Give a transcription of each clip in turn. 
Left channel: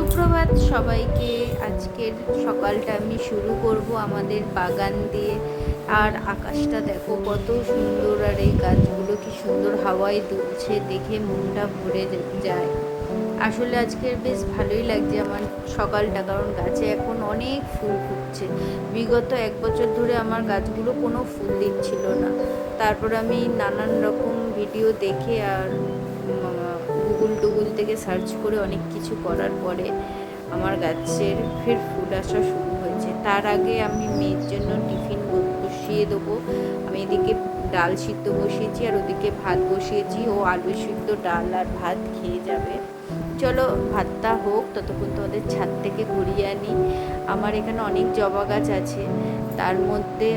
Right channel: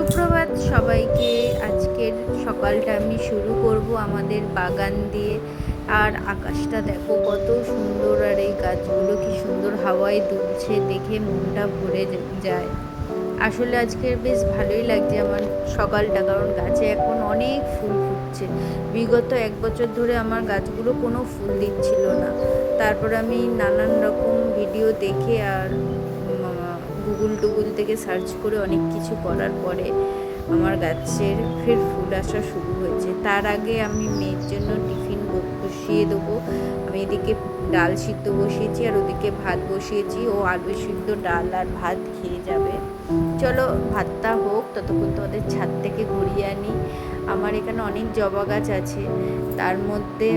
সুপ্রভাত সবাইকে। আজকের সকালটা আমি শুরু করব আমাদের বাগান দিয়ে। আর আকাশটা দেখো কত সুন্দর, আর এই গাছগুলো কি সুন্দর হাওয়ায় দুলছে, দেখে মনটা ভরে যায়। আসলে আজকে বেশ ভালোই লাগছে আমার সকালটা, কারণ গাছে এখন অনেক ফুল ফুটছে। বিগত 1 বছর ধরে আমার গাছগুলো কোনো ফুল দিচ্ছিল না। তারপর আমি নানান রকম ভিডিও দেখে আর গুগল টুগুল থেকে সার্চ করে অনেক কিছু করার পরে আমার গাছের ফের ফুল আসা শুরু হয়েছে। তার আগে আমি মেয়ের জন্য টিফিন বসিয়ে দেবো। আমি এদিকে ডাল সিদ্ধ বসিয়েছি আর ওদিকে ভাত বসিয়েছি। ও আলু সিদ্ধ, ডাল আর ভাত খেয়ে যাবে। চলো ভাতটা হোক, ততক্ষণ তোমাদের ছাদ থেকে ঘুরিয়ে আনি। আমার এখানে অনেক জবা গাছ আছে, তার মধ্যে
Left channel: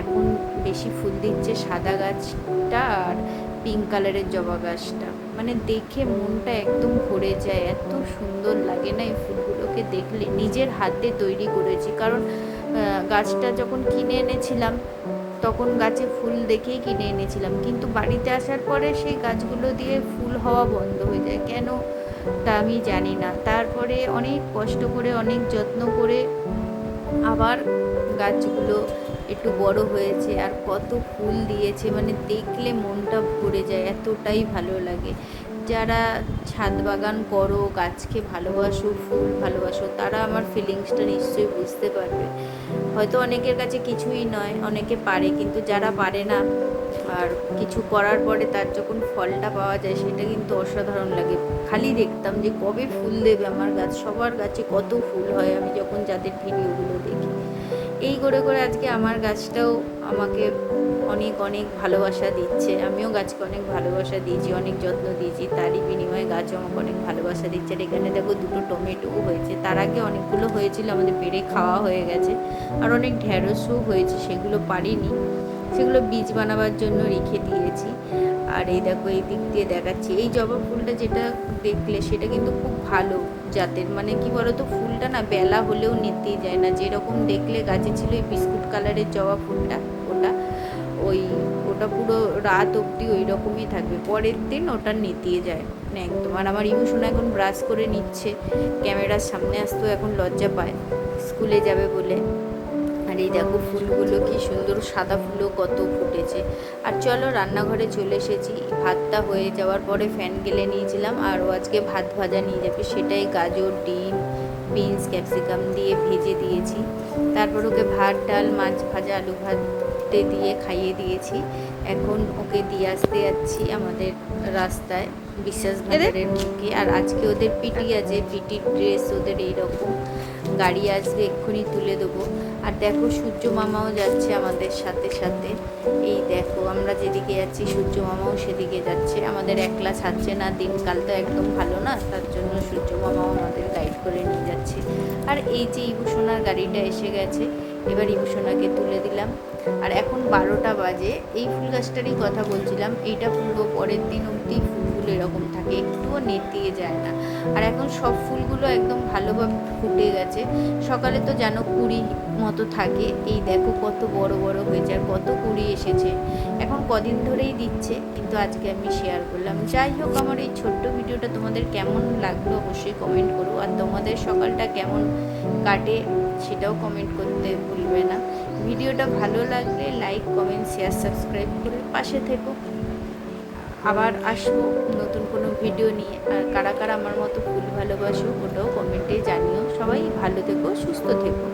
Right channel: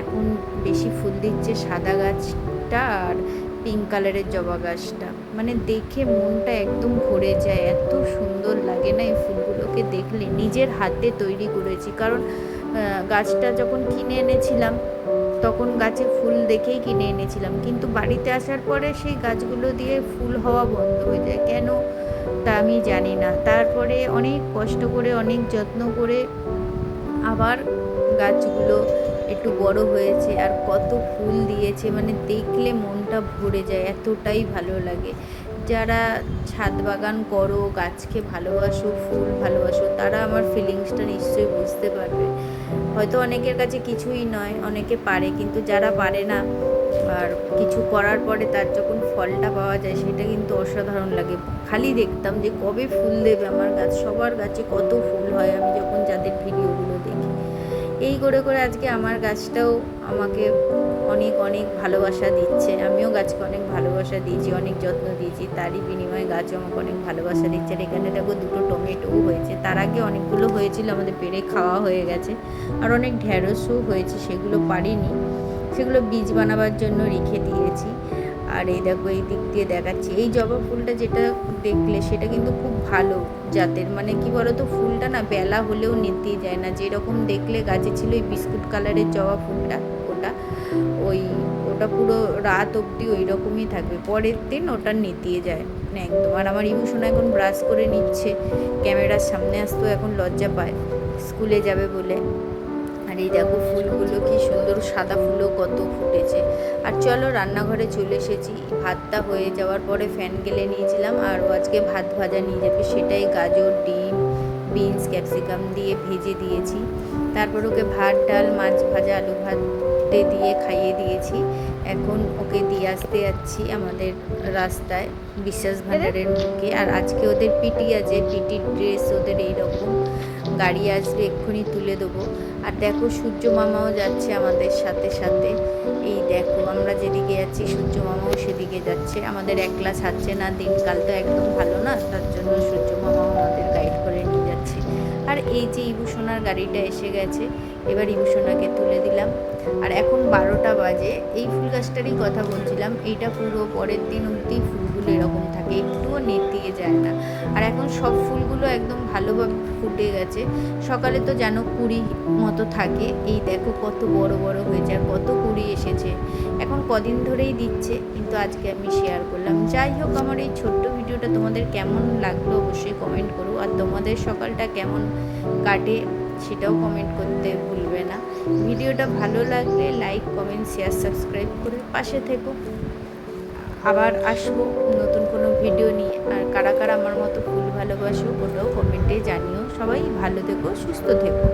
এখন বেশি ফুল দিচ্ছে সাদা গাছটা আর পিঙ্ক কালারের জবা গাছটা। মানে দেখে মনটা একদম ভরে যায়, এত সুন্দর লাগে না এই ফুলগুলোকে দেখলে। নিজের হাতে তৈরি করেছি, কারণ গাছটা যখন কিনে এনেছিলাম তখন গাছে ফুল দেখেই কিনে এনেছিলাম, কিন্তু বাড়িতে আসার পরে সেই গাছগুলো দিয়ে ফুল হওয়া বন্ধ হয়ে যায় কেন তা আমি জানি না। তারপরে অনেক কষ্ট করে, অনেক যত্ন করে আবার গাছগুলো একটু বড় হয়েছে আর কত ফুল দিয়েছে, মানে দেখলে মনটা ভরে যায়, এতটাই ভালো লাগে। যারা ছাদ বাগান করো, গাছকে ভালোবাসো, ফুল ভালোবাসো, তারা আমার ফিলিংসটা নিশ্চয়ই বুঝতে পারবে। হয়তো অনেকের কাছে কিছুই নয়, অনেকে পারে, কিন্তু যারা পারে না আর কিছু করার পরে তার যখন ফলটা পাওয়া যায় সেটা কিন্তু অসাধারণ লাগে। খালি দেখতাম যে কবে ফুল দেবে আমার গাছ, সবার গাছে কত ফুল হয় আমি যখন যাদের ভিডিওগুলো দেখি। এই করে করে আজকে আমার গাছটাও আমাকে অনেক অনেক ভালোবাসা দিচ্ছে। আমিও গাছকে অনেক ভালোবাসা দিয়েছি, অনেক যত্ন দিয়েছি, তারই বিনিময়ে গাছও আমাকে অনেক ভালোবাসা দিচ্ছে। আর এখানে দেখো দুটো টমেটোও হয়েছে, তার আগে অনেকগুলো হয়েছিল, আমাদের পেড়ে খাওয়া হয়ে গেছে। আর অনেক ঢ্যাঁড়সও হয়েছে, সেগুলো পারিনি, সেগুলো বীজ বানাবার জন্য রেখে দিয়েছি। আর এই দেখো এই দিক দিয়ে দেখাচ্ছি, এই জবা ফুলটা যেটা দেখলে সেটা কিন্তু খুব ভালো জাতের। মানে কি বলতো, ফুলটা না বেলা হলেও নেতিয়ে যায় না। যেরকম দেখলে গাছে ছিল এই বিস্কুট কালারের জবা ফুলটা, ওটা ওটা পুরো রাত অবধি ওই রকমই থাকবে, পরের দিন ওটা নেতিয়ে যায় মানে একদম। আর আমার ইমোশন এখন ব্রাশ করে নিচ্ছে, ক্যামেরার সামনে আসতেও এখন লজ্জা পায় স্কুলে যাবে বলে। আর এই দেখো ফুলগুলো কি সুন্দর, সাদা ফুলও কত ফুটেছে। আর চলো রান্নাঘরে চলে এসেছি। ভাতটা হয়ে যাওয়ার পরে ফ্যান গেলে নিয়েছিলাম, আর ও আজকে ভাত ভাজা নিয়ে যাবে, সেটাই গাজর, ডিম, বিনস, ক্যাপসিকাম দিয়ে ভেজে দিয়েছি। তারপর ওকে ভাত, ডাল, মাছ ভাজা, আলু ভাতে দিয়ে খাইয়ে দিয়েছি। এখন ওকে দিয়ে আসতে যাচ্ছি আমাদের রাস্তায় বিশ্বাস ভান্ডারের মুখে। আর আজকে ওদের পিটি আছে, পিটির ড্রেস ওদের এইরকম, গাড়ি আসবে এক্ষুনি তুলে দেবো। আর দেখো সূর্য মামাও যাচ্ছে আমাদের সাথে সাথে। এই দেখো আমরা যেদিকে যাচ্ছি সূর্য মামাও সেদিকে যাচ্ছে, আমাদের একলা ছাড়ছে না। দিনকালটা একদম ভালো না, তার জন্য সূর্য মামাও আমাদের গাইড করে নিয়ে যাচ্ছে। আর এই যে ইবুসোনার গাড়িটা এসে গেছে, এবার ইবুসোনাকে তুলে দিলাম। আর এখন 12টা বাজে। এই ফুল গাছটারই কথা বলছিলাম, এইটা পুরো পরের দিন অবধি ফুলগুলো এরকম থাকে, একটুও নেতিয়ে যায় না। আর এখন সব ফুলগুলো একদম ভালোভাবে ফুটে গেছে। সকালে তো যেন কুড়ি মতো থাকে, এই দেখো কত বড় বড় হয়েছে আর কত কুড়ি এসেছে। এখন কদিন ধরেই দিচ্ছে, কিন্তু আজকে আমি শেয়ার করলাম। যাই হোক, আমার এই ছোট্ট ভিডিওটা তোমাদের কেমন লাগলো অবশ্যই কমেন্ট করো। আর তোমাদের সকালটা কেমন কাটে সেটাও কমেন্ট করতে ভুলবে না। ভিডিওটা ভালো লাগলে লাইক, কমেন্ট, শেয়ার, সাবস্ক্রাইব করে পাশে থেকো। আবার আসবো নতুন কোনো ভিডিও নিয়ে। আর কারা কারা আমার মতো ফুল ভালোবাসো ওটাও কমেন্টে জানিও। সবাই ভালো থেকো, সুস্থ থেকো।